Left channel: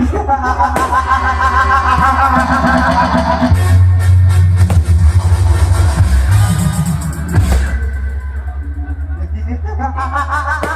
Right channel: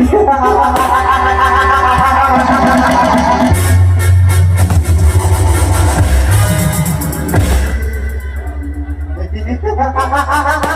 Ha ha ha ha!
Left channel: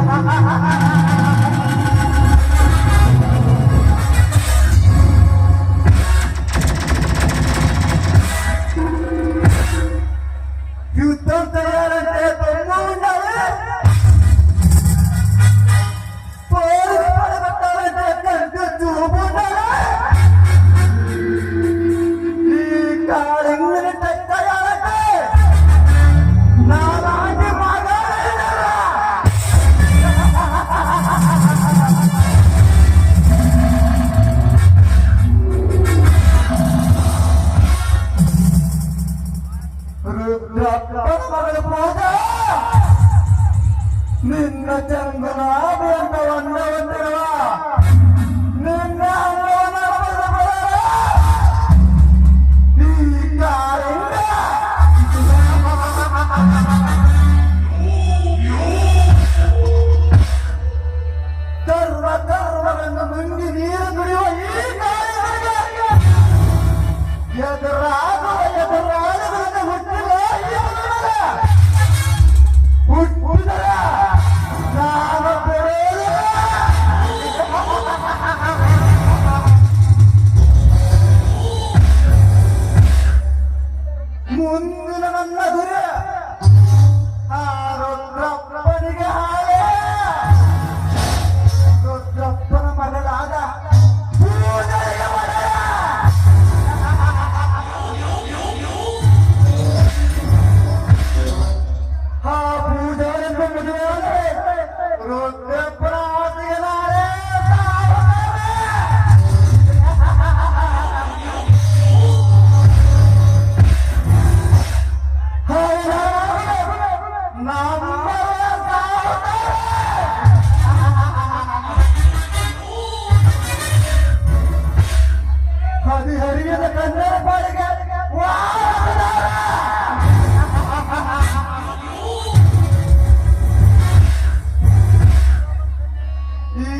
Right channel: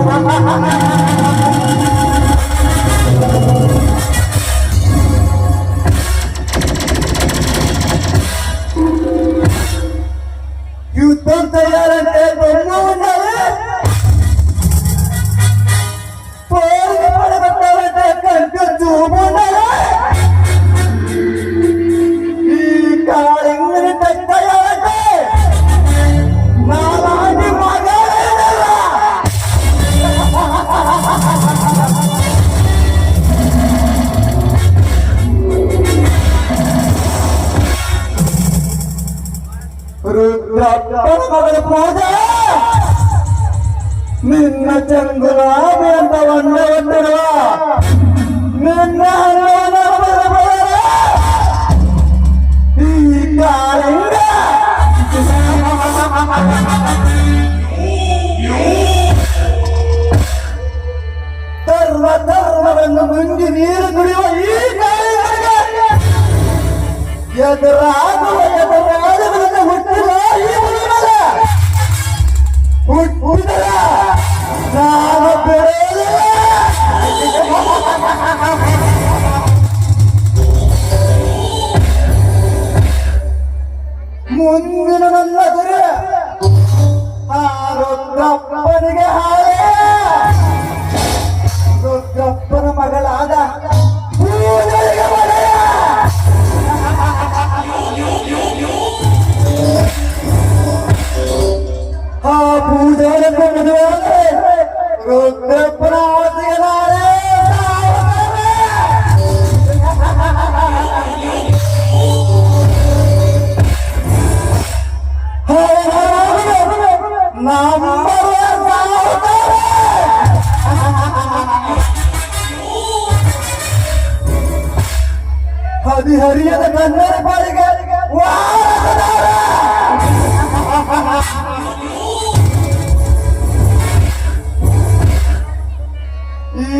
Ha ha ha! ಪೂಜ ನಿನ್ನ ಚಂದ್ರ ಬಿಡಂತವನ್ನ ಹೊಂದಿರುವ ನಿನ್ನ ಈ ಕಾಲಿಂದ ಧರ್ಮ ಧರ್ಮವನ್ನು ಮುಂದಿ ನೀರು ಕುಡಿಯುವ ಈ ಕಾಲಿಂದ ಎದುರಾಗುವ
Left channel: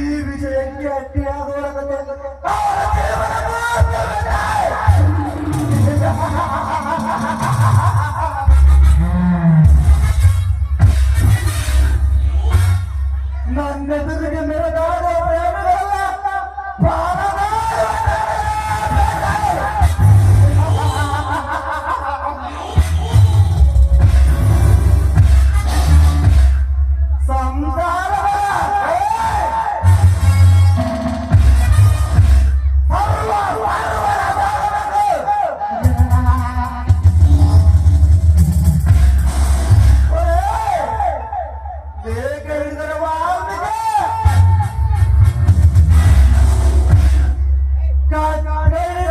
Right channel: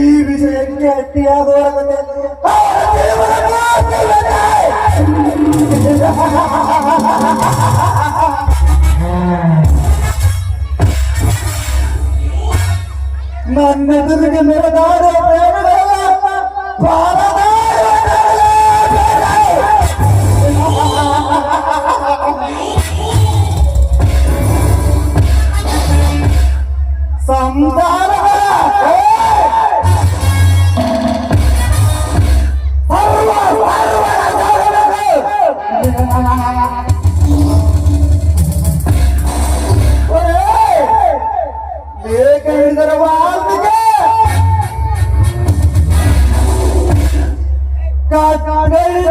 ಈ ವಿಷಯಕ್ಕೆ ಅಟ್ಟಿಯಾಗುವ ನನ್ನೆದುರಿಗೆ ಮೆರೆದಾಡುವ ಪ್ರೇಮಿಗಳೆಲ್ಲ ಸಂಸಾರ Hey!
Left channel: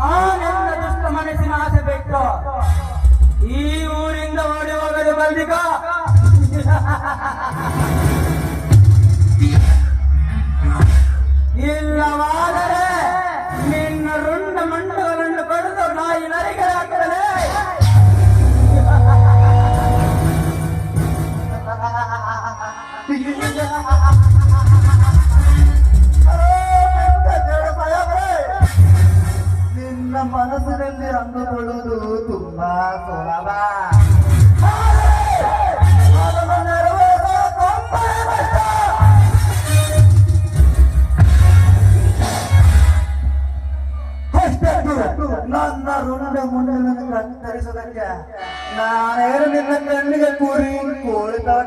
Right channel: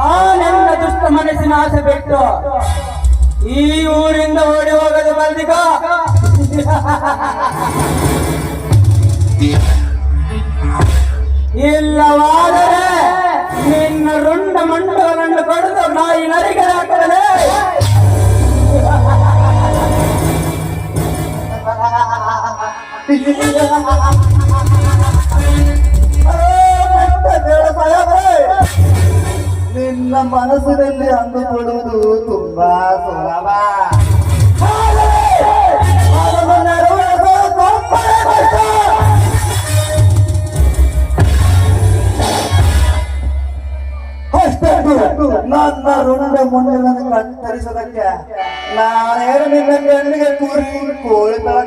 ಆ ನನ್ನ ದುಷ್ಟ ಮನಸ್ಸಿನ ಆಸೆ ಬಿಟ್ಟು ಈ ಊರಿಂದ ಓಡಿ ಹೋಗದು ಬಲ್ದಿಗ? ಇಲ್ಲವಾದರೆ ನಿನ್ನ ರುಂಡ ಮಂಡಗಳನ್ನು ಕಡಿದು ನಾಯಿ ನರಿಗೆ ನಿನ್ನ ಮನಸ್ಸಿನಲ್ಲಿ ಅಂದುಕೊಳ್ಳುವುದು ತುಂಬಾ ಸುಲಭ ನನ್ನ ಋಣ ಮುಂಡಿನ ಕತ್ತರಿಸೋದಕ್ಕೆ ನಾನೇನು ಕಣ್ಣಿಗೆ ಕೂರಿ ಕೋಳಿ ತರ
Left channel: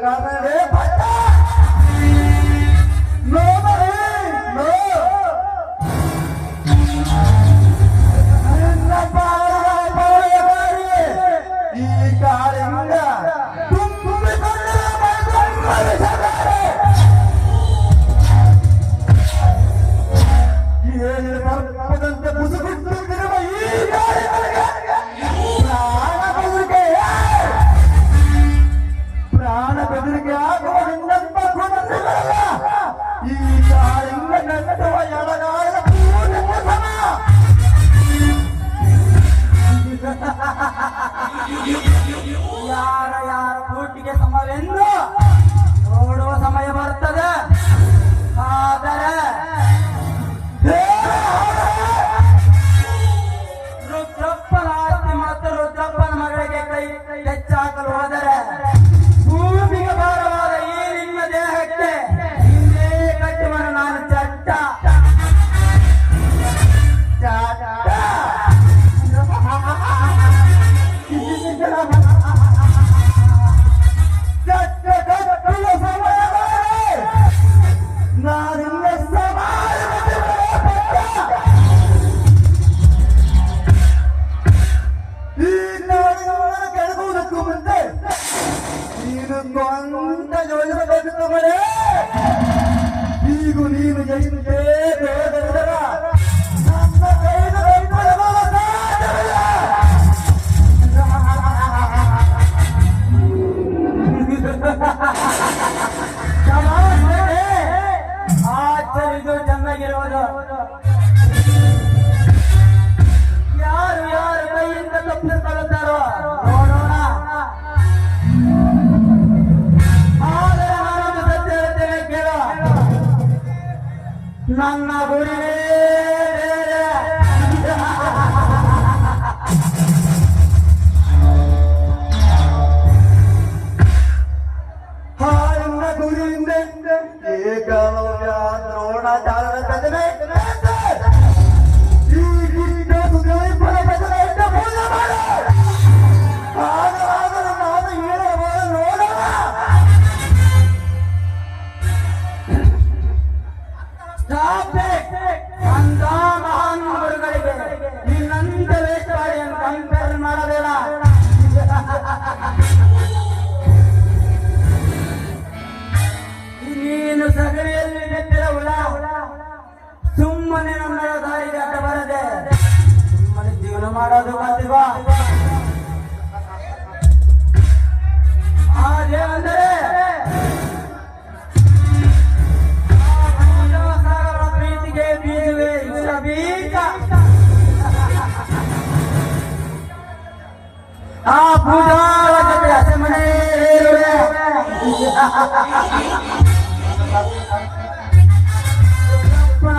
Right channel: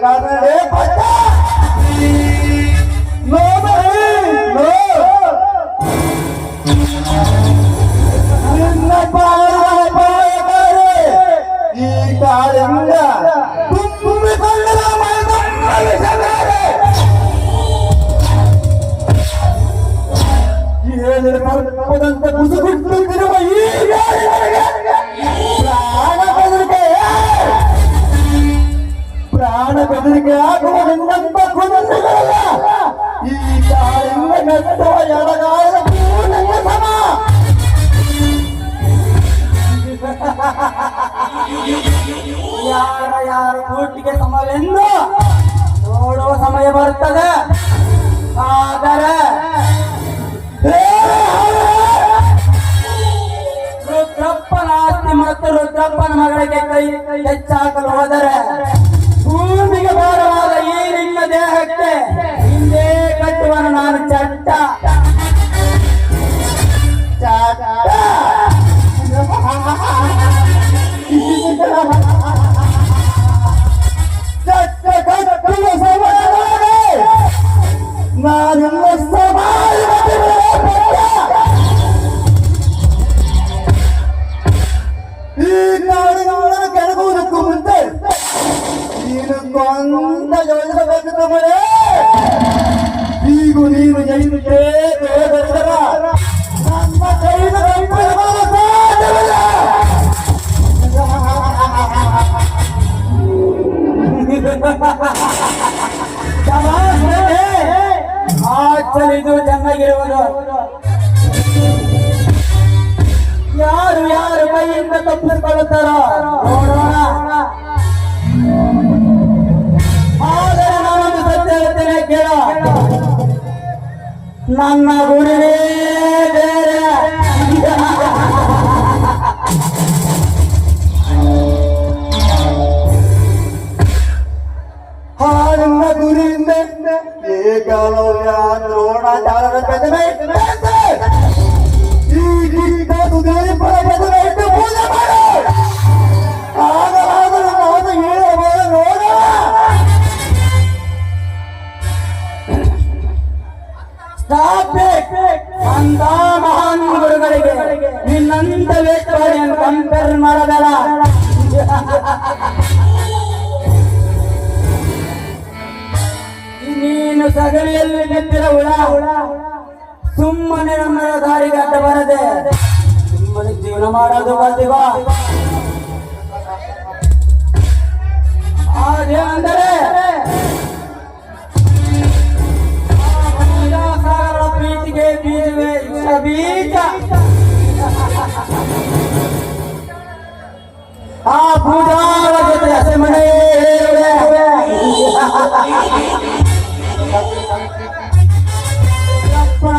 ಈ ಕಾಳಿಂಗ ನಟ್ಟುವ ಎಡಗಾಲ ಪೂರ್ಣಕ್ಕೆ ಸಮ ಯಾರ ಯಾರ ಕೂಟಿಗೆ ಸಮವೆಂದು ನೋಡುವ ಸಮಯ ಬರುತ್ತದೆ. ಆದರೆ ರುದ್ರಪ್ಪನ ಆಸ್ತಿ ಮತ್ತು ರುದ್ರಪ್ಪನ ಮಗಳಿಗೆ ಕೈ ಹೆಚ್ಚಾಕಲು ಹೋದರೆ ಯಾರು ಯಾರು ಕೈಯಿಂದ ತಪ್ಪಿಸಿಕೊಳ್ಳುತ್ತಾರೋ ನೋಡೋಣ ಆದರೆ ನಾನೊಂದು ಸತ್ಯ ಹೇಳ್ತೇನೆ ಕೇಳು ನನ್ನ ಗುರಿನೇ ಬೇರೆ ಹಾಳಿನ ಗುರಿಯಿಂದ ಏಕಲವ್ಯ ದ್ರೋಣಾಚಾರ್ಯರ ಪ್ರತಿಮೆ ಇಟ್ಟಂತೆ ಈ ಗಿಡ್ಡ ತುದಿಪುರ ಪ್ರತಿಮೆ ಅಂತ ಮಹಾನ್ ಗುರುಗಳಿಗೆ ನಿನ್ನಂತ ವೇಷವಾಡಿಯನ್ನು ಕಂಪೇರ್ ಮಾಡಬೇಡ. ನೀನು ಸಗಣಿಯಲ್ಲಿ ನಿಂತಿರ ಹುಳ, ಸುಮ್ಮನೆ ನಮ್ಮ ದಾರಿಗೆ ಅಡ್ಡ ಬರದೆ. ಸುಮ್ಮನೆ ಜೀವನ ಮಾಡೋದು ಬರ್ತೀವ ಅದೇ ಅಂದರೆ ಆ ಪೂಜಾರ ಜೊತೆ ಹಸೆಮಣೆ ಏರುವೆ ಅಪ್ಪನ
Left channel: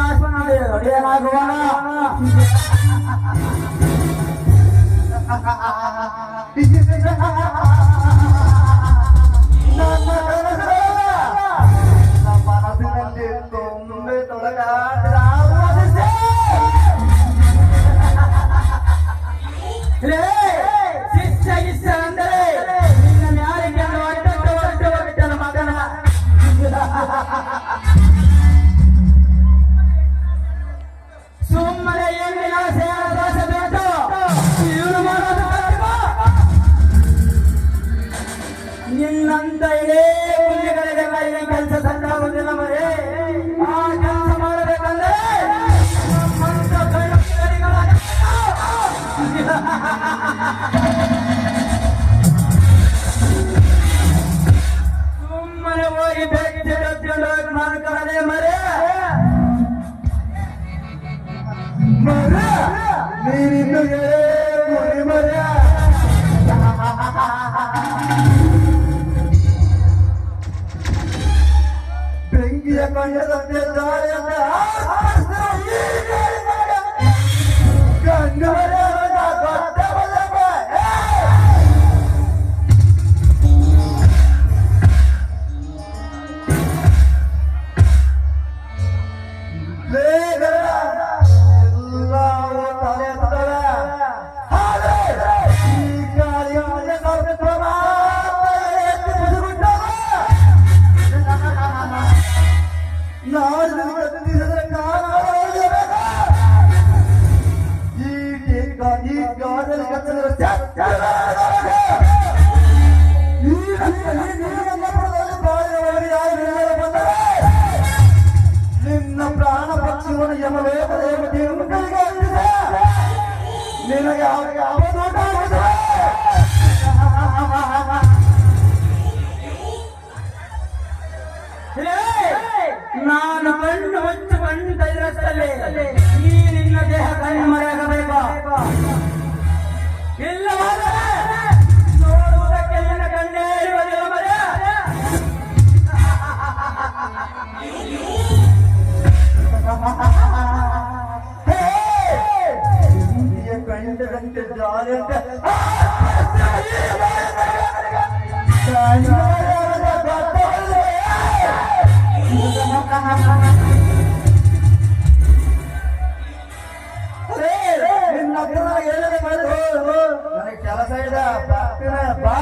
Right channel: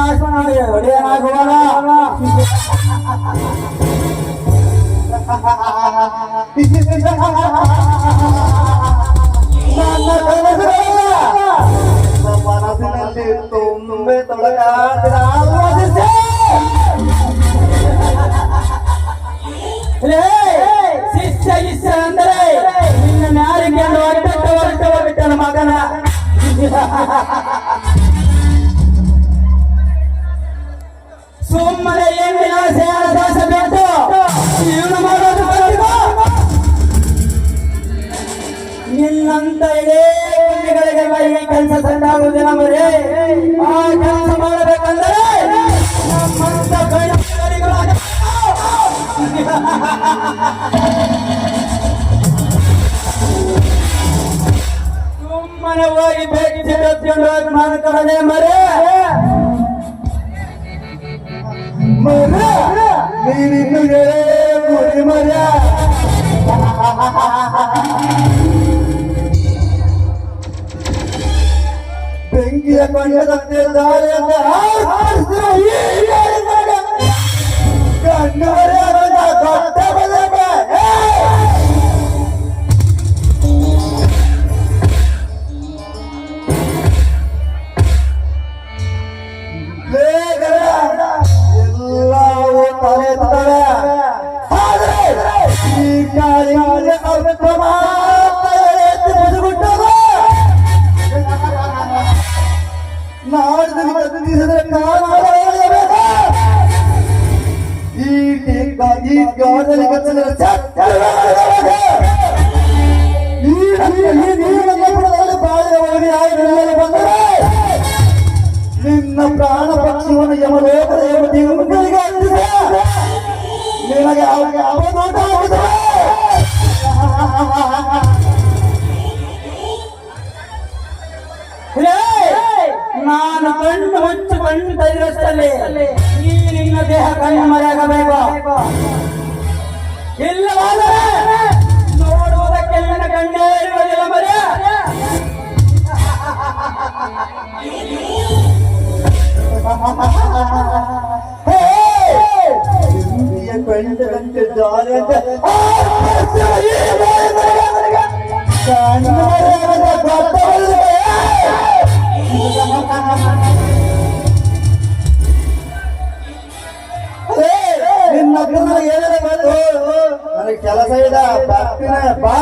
ಸುಮ್ಮನೆ ಹೋಗಿ ಬೆಚ್ಚಿ ಬೆಚ್ಕೊಂಡು ಹೋಗಿ ಮಾಡ್ಕೊಳ್ಳದೆ ಮರೇ ಮರ ನೀರಿನ್ನು ಕುರಿ ಮರ ಬೆಂಕಿಯ ಕಂಡದಂತೆ ದಾರಿಯಿಂದ ಆರಿಸಿರುವ Cuando ನಿಲ್ಲಲು ಬಂದರೆ? ನಿನ್ನ ಪ್ರಾಣ ಪಕ್ಷಿಯನ್ನು ಯಮಲೋಕದ ನಿನಗೆ ಅವನಿಗೆ ಅವಧೂತ ಆಗಿದೆ. ನಾನು ಕಣ್ಣು ಮುಚ್ಚು ಕಣ್ಣು ತೆಗೆದಷ್ಟಲ್ಲಿ ಈ ನಿನ್ನ ದೇಹ ಕಣ್ಣು ಮರೆಯಾಗಬೇಕು ಇಲ್ಲವಾದರೆ ನೋಡುವುದಕ್ಕೆ ನಿನ್ನ ಕಣ್ಣೇ ಇರುವುದಿಲ್ಲ ಮರೆ ಹೇ! ಇಂದ್ರಿಯ ನಿನ್ನ ಏನಾರ. ನನಗೆ ಕೆಲಸ ಇದೆ ಬರ್ತೀನಿ ಬಾ